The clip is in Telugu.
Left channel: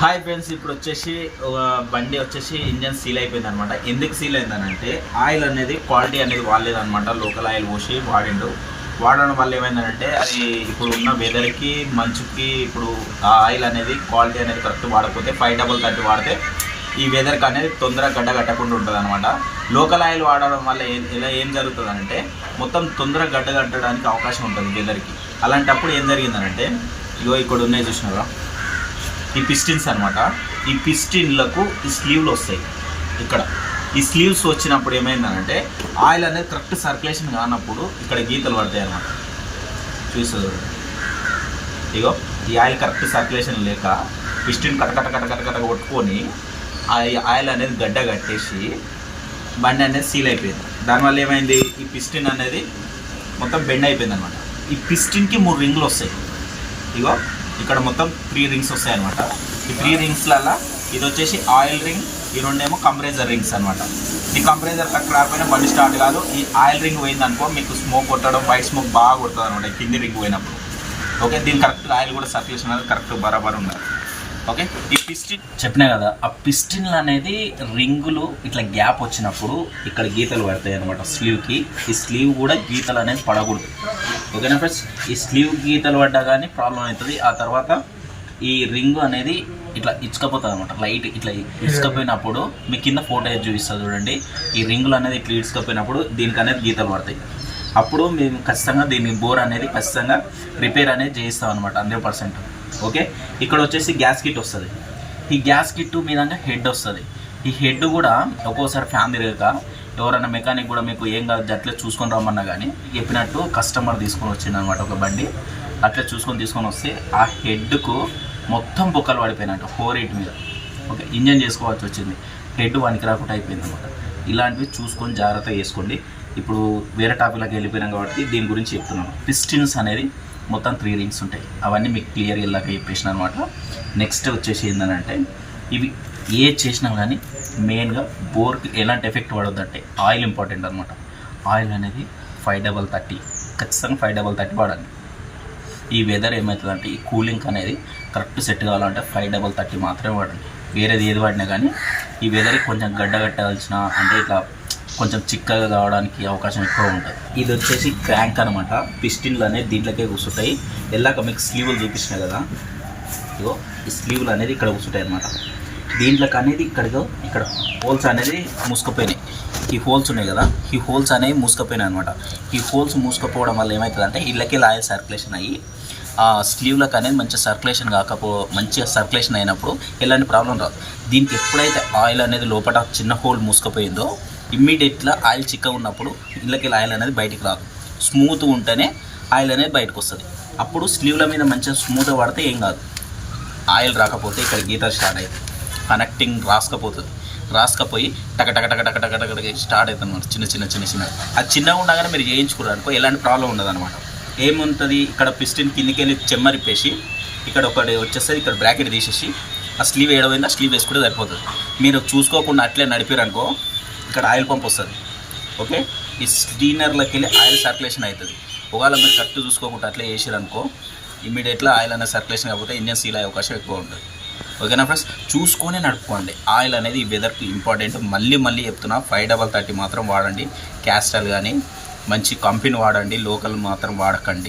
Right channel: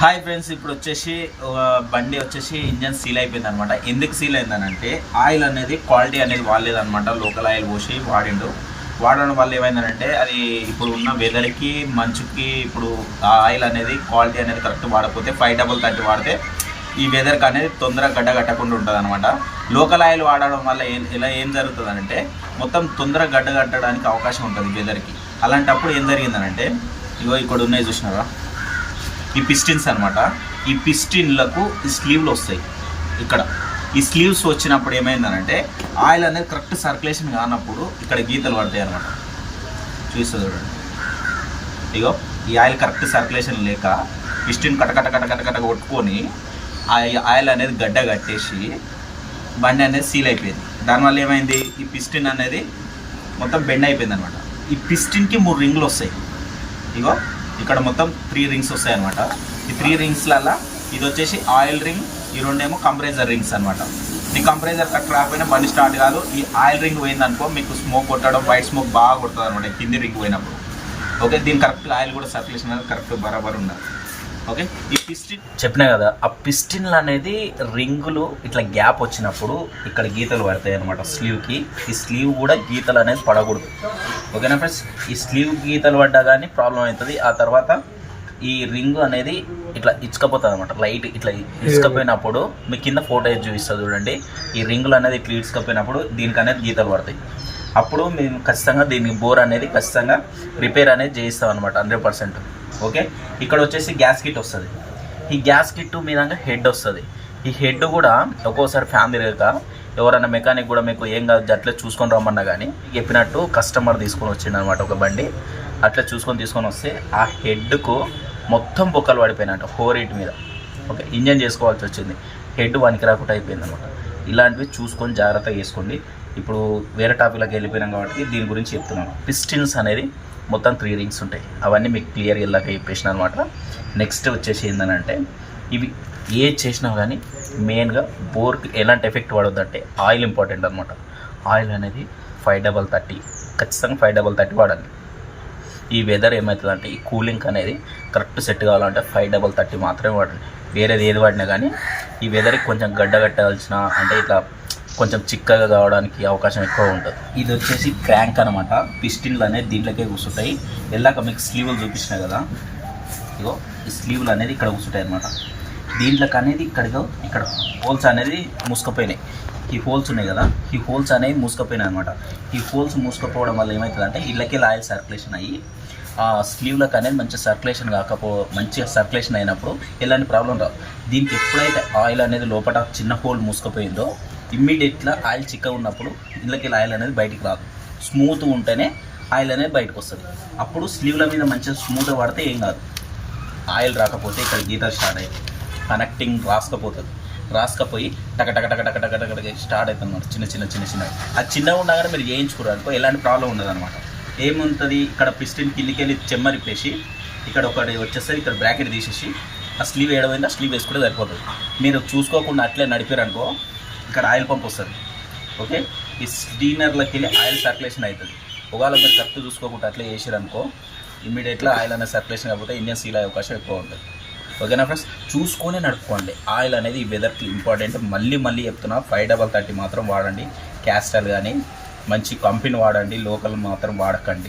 హాయ్ ఫ్రెండ్స్, ఇప్పుడు వచ్చేసి బండి వచ్చేసి ఇంజన్ సీల్ అయిపోయింది అనమాట. ఎందుకు సీల్ అయిందనంటే ఆయిల్ అనేది క్వాలిటీ అనేది వాడలేదనమాట. లోకల్ ఆయిల్ పోసి వాడడం వల్ల ఏమైందనంటే అది ఇప్పుడు ఉన్న వెదర్కి మంచుకి ఇప్పుడు ఆ ఆయిల్ అనేది క్వాలిటీ అనేది కరెక్ట్ వాడకపోతే 530 వాడితే ఈ వెదర్కి అనేది తొందరగా గడ్డ కట్టకుండా ఉంటుంది అనమాట. లోకల్ ఆయిల్ వాడడం వల్ల ఏం జరుగుతుంది అంటే మొత్తం తొందరగా గడ్డ కట్టడానికి అవకాశం ఉంటుంది వెదర్కి. అలాంటప్పుడు ఏం జరిగిందనంటే ఇగో ఇక్కడ ఉన్నాయి చూసినారా, ఈ పిస్టిన్స్ అనమాట. ఈ పిస్టిన్లకు ఈ స్లీవ్లు వస్తాయి. ఇక్కడ ఈ స్లీవ్స్ వచ్చినప్పుడు ఏమైందనంటే ఆయిల్ అనేది కరెక్ట్ సర్క్యులేషన్ కానప్పుడు ఇక్కడ గీతలు పడతాయి అనమాట. చూస్తుంది ఇగో ఈ ఆయిల్ కరెక్ట్ సర్క్యులేషన్ లేక పిస్టిన్ కటకట కొట్టుకొని ఆ ఆయిల్ అనేది గడ్డ కట్టేసి బండి అనేది సీల్ అయిపోయింది. దానివల్ల ఏమైంది, ఈ పిస్టిన్ అనేది మొత్తం బెండ్ అయిపోయింది అనమాట. ఈ పిస్టిన్కి 3 రింగులు వస్తాయి. ఇగో ఇక్కడ మొత్తం 3 రింగ్స్ వస్తాయి అనమాట. ఈ 3 రింగ్స్లలో ఇది వచ్చేసి ఆయిల్ రింగ్, ఈ రెండేమో కంప్రెసర్ రింగ్స్ అనమాట. ఈ కంప్రెసర్ కరెక్ట్ రాకపోయినా బండి స్టార్ట్ కాదు. ఈ ఆయిల్ రింగ్ పోయిందనుకో మీకు స్మోక్ కొట్టడం, వైట్ స్మోక్ బాగా కొడుతుంది అనమాట కింది రింగ్ పోయినప్పుడు. ఓకే, దీని కరెక్ట్ ఆయిల్ కూడా సర్క్యులేషన్ అనేది కరెక్ట్ బరాబర్ ఉండాలి. ఓకే, ఈ పిస్టిన్ చెప్పినా కదా, ఆ పిస్టిన్లు అనేది రింగులు ఇట్లా గ్యాప్ వచ్చినప్పుడు ఇక్కడ గీతలు పడతాయి అనమాట స్లీవ్కి. ఈ స్లీవ్ కూడా గీతలు అనేది పడకూడదు. ఓకేనా ఫ్రెండ్స్, ఈ స్లీవ్ గీతలు పడ్డా కానీ ప్రాబ్లం అవుతుంది. ఆ తర్వాత ఈ రింగు అనేది ఇట్లా ఇచ్చుకపోతుంది అనమాట. లైట్ ఇట్లా ఇసుకపోయినప్పుడు మీ కింద ఫోటో చూపిస్తుంది చూడండి. ఈ రింగులు అనేది ఇట్లా ఇసుకపోయినప్పుడు దీనికి అనేది గీతలు పడతాయి. అప్పుడు మేము ఖచ్చితంగా దీని బోర్ అనేది ఖచ్చితంగా రిపేర్ అనేది చేయిస్తాం అనమాట 100%. ఓకే, ఇక్కడ వచ్చేసి గ్యాస్ కిట్ వస్తుంది. ఈ గ్యాస్ కిట్ మీద హెడ్ వస్తుంది. ఈ హెడ్ కూడా ఒక్కోసారి ఫ్యాన్ తిరగక ఎవరైనా మెకానిక్ కూడా మీకు ఏం కాదు అట్లా చూసుకొని రమ్మన్నా కానీ చెప్పినట్టు కస్టమర్ తీసుకొని వచ్చింది అనమాట ఒక బండి. అట్లా తీసుకొని వస్తే ఆ హెడ్కు మొత్తం బొక్కలు పడిపోయినట్టు 4 మీద. ఓకే, ఇంజన్ చేసుకోవాల్సి వచ్చింది. హెడ్ వానికి రాకుండా అయిపోయింది అనమాట. ఇలాంటివి చూసుకొని జాగ్రత్తగా చేసుకోండి. ఇప్పుడు వేరే టాపిక్లోకి వెళ్ళిపోయినాం కాబట్టి దీని గురించి చెప్తున్నాను. పిస్టిన్స్ అనేది మొత్తం 3 రింగ్స్ ఉంటాయి. అవన్నీ మీకు క్లియర్ ఇలాగ చెప్పేసిన అనమాట. నెక్స్ట్ వచ్చేసి ఏంటంటే ఇవి ఏ చేసినా కానీ మెయిన్గా బోర్కి ఎలాంటి ఎఫెక్ట్ పడొద్దంటే ఆయిల్ ఇంపార్టెంట్ అనమాట. ఆయిల్ అనేది 530 ఖచ్చితంగా 530 వాడాలి. ఈ వెదర్ ఏమవుతుందంటే ఈ కూలింగ్ అనేది కరెక్ట్ సెట్ కావాలంటే 530 మాత్రమే వాడండి. వేరేది ఏది వాడినా కానీ ఈ వెదర్కి కొంచెం గడ్డ కట్టాల్సిన అంటే ఇట్లా కొంచెం చిక్కగా కావడానికి అవకాశం ఎక్కువ ఉంటుంది. ఇది వచ్చేసి క్రాంక్ అనమాట. పిస్టిన్లు అనేది దీంట్లోకే కూర్చుంటాయి. వెళ్ళాక మీకు స్లీవ్లు చూపించినాయి కదా, ఇగో ఈ స్లీవ్లు అనేది ఇక్కడ కూర్చుంటాయి అనమాట. దీంట్లోకి అనేది ఇక్కడ హోల్స్ అనేది మూసుకుపోయినాయి. ఈ హోల్స్ ఉన్నాయి కదా, ఈ హోల్స్ అనేవి మూసుకుపోయినాయి అనమాట. ఈ హోల్స్ మూసుకుపోవడం వల్ల ఏమవుతుందంటే ఇళ్ళకి ఆయిల్ సర్క్యులేషన్ అయ్యి ఆ స్లీవ్లకు అనేది మంచిగా సర్క్యులేషన్ అయినప్పుడు ఎలాంటి ప్రాబ్లం రాదు. దీనికి ఎప్పుడైతే ఆయిల్ అనేది లోపల చిన్న హోల్ మూసుకుపోయిందో ఇమ్మీడియట్గా ఆయిల్ చిక్కగా ఉన్నప్పుడు ఇళ్ళకి ఆయిల్ అనేది బయటికి రాదు. స్మూత్గా ఉంటేనే ఆయిల్ అనేది బయటకు వస్తుంది. అప్పుడు స్లీవ్ల మీద మంచిగా స్మూత్గా పడితే ఏం కాదు. ఆయిల్ రాకపోతే ఇక్కడ గీతలు స్టార్ట్ అవుతాయి. కనెక్టింగ్ రాసుకపోయి టక స్టార్ట్ అవుతుంది అనమాట. చిన్న అది చిన్నగా ఉండగానే మీరు చేయించుకున్నారు అనుకో ఎలాంటి ప్రాబ్లం ఉండదు అనమాట. ఏముంటుంది, ఇక్కడ పిస్టిన్ కిందికి వెళ్ళి చెమ్మరిప్పేసి ఇక్కడ ఒకటి వచ్చేస్తుంది. ఇక్కడ బ్రాకెట్ తీసేసి ఆ స్లీవ్ వేయడం ఆ స్లీవ్ వేసుకుంటే సరిపోతుంది. మీరు చూసుకోకుండా అట్లే నడిపారనుకో ఇక్కడ ఆయిల్ పంప్ వస్తుంది. ఓకే, ఈ స్టీనర్లోకి వెళ్ళి ఆయిల్ సర్క్యులేషన్ అవుతుంది. ఒకవేళ మీరు కరెక్ట్ చూసుకోకుండా అట్లే చేసారనుకో ఇమ్మీడియట్గా ఆయిల్ అనేది సర్క్యులేషన్ కాకపోతే ఇంజన్ సీల్ అయ్యే అవకాశం ఎక్కువ ఉంటుంది. ఓకేనా ఫ్రెండ్స్, చూసుకొని నడుపుకోండి. ఆయిల్ అనేది ఈ వెదర్కి ఇంపార్టెంట్. మళ్ళీ చెప్తున్నా, 530 మాత్రం వాడండి. క్యాస్ట్రాల్ కానీ మంచి కంపెనీ వాడండి, లోకల్ మాత్రం వాడకండి.